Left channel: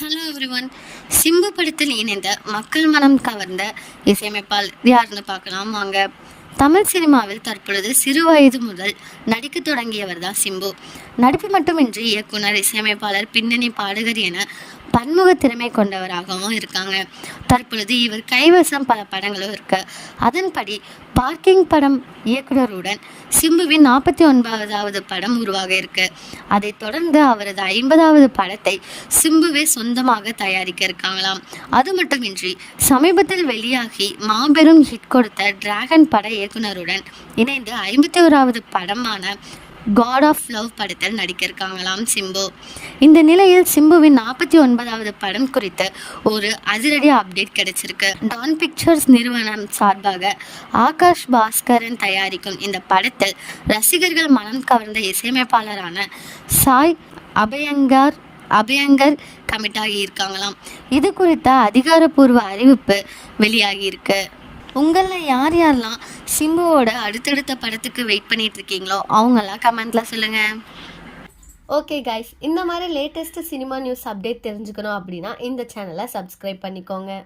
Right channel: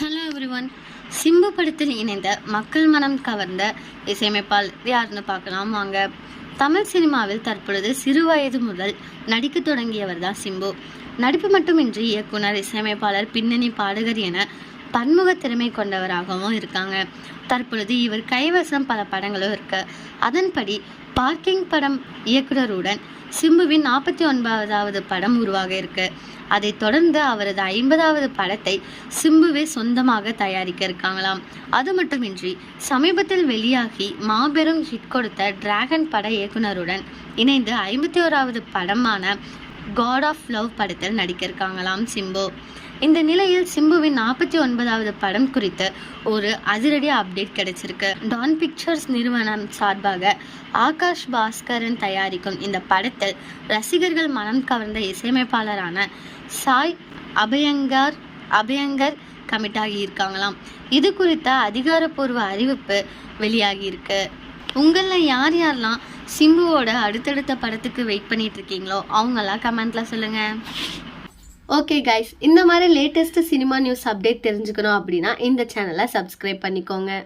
Hello everyone. Simbu படத்தில் இணைந்த மக்கள் மனம் கவர்ந்த இசையமைப்பாளர் யாருன்னு பார்க்கலாம் வாங்க. தமிழ் சினிமாவில் தற்பொழுது சிறு வயது முதல் நடிக்க தொடங்கியவர் தான் சிம்பு. நடிப்பு மட்டுமின்றி இயக்குனர் இசையமைப்பாளர் பின்னணி பாடகர் என பன்முக திறமை கொண்டவராகவும் இருக்காங்க. தற்பொழுது இவர் கைவசம் பல படங்களும் இருக்கு. அதன்படி பார்க்கிங் படம் இயக்குனருடன் சிம்புவின் நாற்பத்தி ஒன்பதாவது படம் உருவாக இருக்கு. அதைத் தொடர்ந்து அவரது ஐம்பதாவது படத்தை சிம்புவே சொந்தமாக தயாரிக்க இருக்காங்களாம். அது மட்டுமின்றி சமீபத்தில் வெளியாகி மாபெரும் ஹிட் கொடுத்த டிராகன் பட இயக்குனருடன் இணைந்து ஐம்பத்தி ஓராவது படமான காட் ஆஃப் லவ் படத்தில் நடிக்க இருக்காங்களாம் சிம்பு. இந்த நிலையில் சிம்புவின் நாற்பத்தி ஒன்பதாவது படம் குறித்து ஒரு அதிரடி அப்டேட் கிடைச்சிருக்கு. டான் பிக்சர்ஸ் நிறுவனம் சார்பாக ஆகாஷ் பாஸ்கரன் தயாரிக்கும் இந்த படத்தில் ரசிகர்கள் மனம் கவர்ந்த இசையமைப்பாளரான சாய் அபயங்கர் அபயங்கர் கமிட்டாகி இருக்காங்களாம் இது குறித்த அதிகாரப்பூர்வ அறிவிப்பு வெளியாகியிருக்கு. உங்களில் யார் யாரெல்லாம் சிம்புவோட அடுத்தடுத்த படத்துக்கு வெயிட் பண்ணிட்டு இருக்கீங்களோ அவங்கெல்லாம் கமெண்ட்ல சொல்லுங்க. ஓகே கைஸ் இந்த மாதிரி லேட்டஸ்ட் சினிமா நியூஸ் அப்டேட் தெரிஞ்சுக்கணும் அப்படின்னா இந்த சேனலை சப்ஸ்கிரைப் பண்ணிக்கோங்க.